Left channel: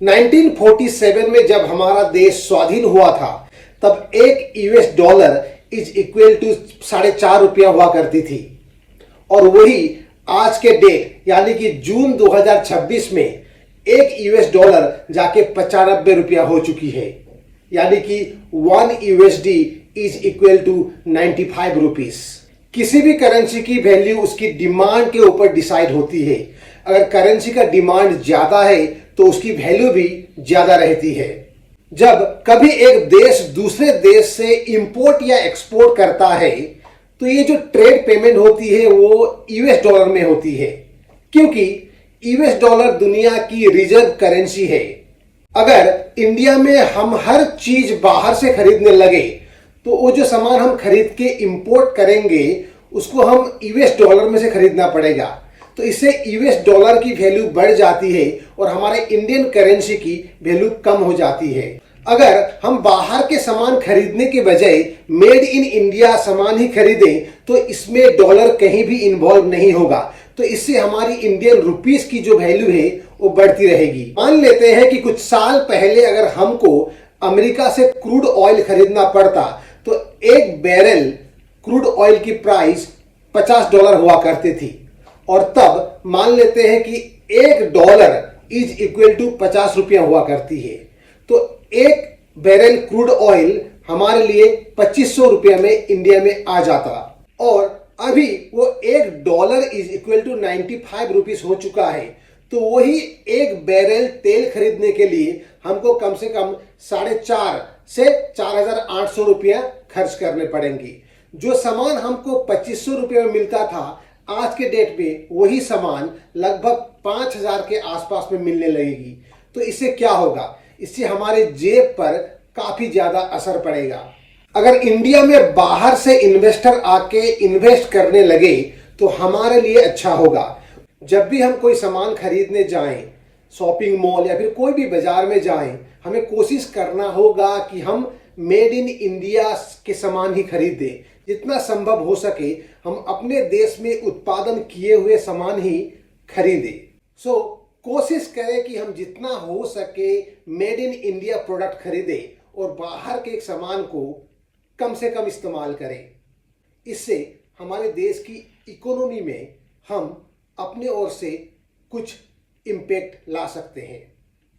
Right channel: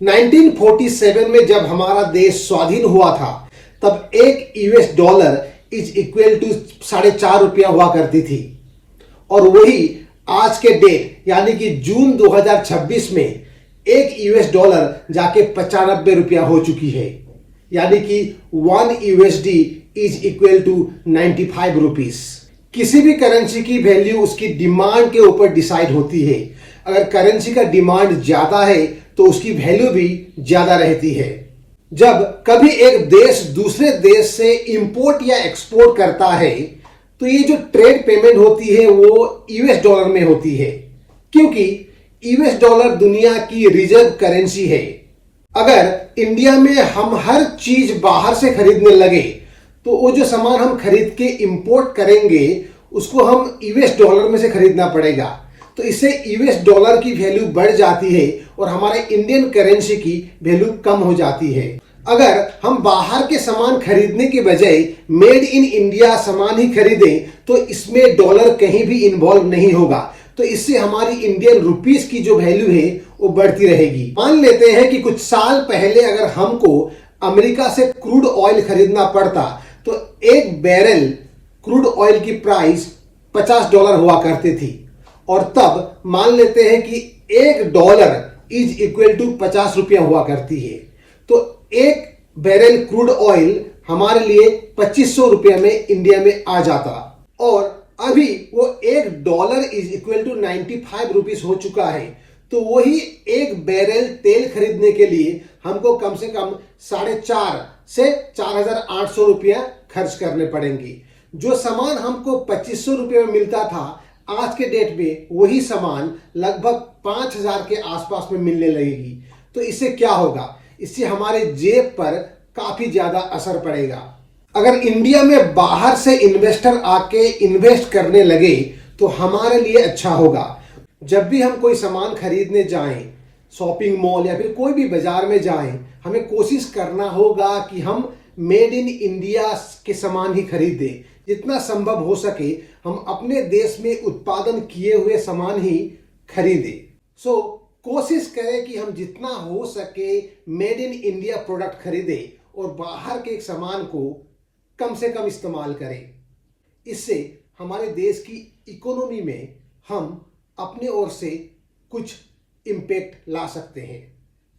1947 में जब हमारा देश स्वाधीन हुआ था तब एक US dollar is equal to 4.5 रुपया हुआ करती थी और वही आज के डेट यानी कि जून 2026 में एक यूएस डॉलर जाके 95 रुपया हो चुकी है, यानी कि 1 USD is equal to 95 rupees. किसी भी करेंसी की वैल्यू उसकी डिमांड के ऊपर डिसाइड होती है। अगर करेंसी का डिमांड ज्यादा है तो उसकी वैल्यू भी ज्यादा रहती है। जब कभी एक देश दूसरे देश से इंपोर्ट या एक्सपोर्ट करता है तो ये जो ट्रेड पेमेंट होती है वो यूएस डॉलर में होती है, क्योंकि यूएस डॉलर दुनिया की रिजर्व करेंसी है। अगर इंडिया में हम हर चीज बाहर से खरीदने लगे तो वो जो सामान हम खरीद के इंपोर्ट करेंगे उसको हम यूएस डॉलर में से खरीदना पड़ेगा, तो इससे यूएस डॉलर की वैल्यू बढ़ जाती है और हमारे इंडियन करेंसी की वैल्यू कम हो जाती है। अगर हम बाहर के सामान खरीदने के बजाय मेड इन इंडिया सामान ही खरीदें तो इसमें डॉलर कहीं भी इन्वॉल्व नहीं होगा, तो इससे हमारी इंडियन रुपीस की जो वैल्यू है वो बढ़ती रहेगी। मान लेते हैं कि कुछ साल पहले अगर हमको अमेरिका से क्रूड ऑयल खरीदना पड़ता तो एक बैरल क्रूड ऑयल की प्राइस $50 हुआ करती थी और तब मान लेते हैं कि $1 इज इक्वल टू 50 रुपया हुआ करती है, तो एक बैरल क्रूड ऑयल हमारे लिए 2500 रुपये में इंडिया में आ जाता और अभी वो $1 इज इक्वल टू 95 रुपीस हो चुका है। तो वही एक बैरल तेल खरीदने के लिए हमको कम से कम 4,500 से 4,800 रुपया खर्च करने पड़ेंगे। जो सामान हमको 2500 रुपये में मिलता था आज के डेट में वही सामान लगभग 5,000 के आसपास में मिलने लगेगी। तो इससे क्या होगा? इससे हमारे जेब पर काफी ज्यादा असर पड़ेगा। अगर इंडिया में बाहर से इन्वेस्टर आके इन्वेस्ट करने लगे तो हमारे लिए अच्छा होगा। जब भी हम कोई सामान खरीदने जाएं, शॉपिंग मॉल या फिर कोई भी बाजार में जाएं, हमें कोशिश करना होगा कि हम मेड इन इंडिया के सामान ही खरीदें। जितना संभव हो सके हम अपने देश में उत्पादन किए हुए सामान ही खरीदें। कोशिश करें कि हम जितना हो सके मेड इन इंडिया प्रोडक्ट खरीदें और बाहर के सामान को कम से कम इस्तेमाल करें। इससे हमारे देश की इकोनॉमी में हम अपने ओर से कुछ इम्पैक्ट ला सकते हैं।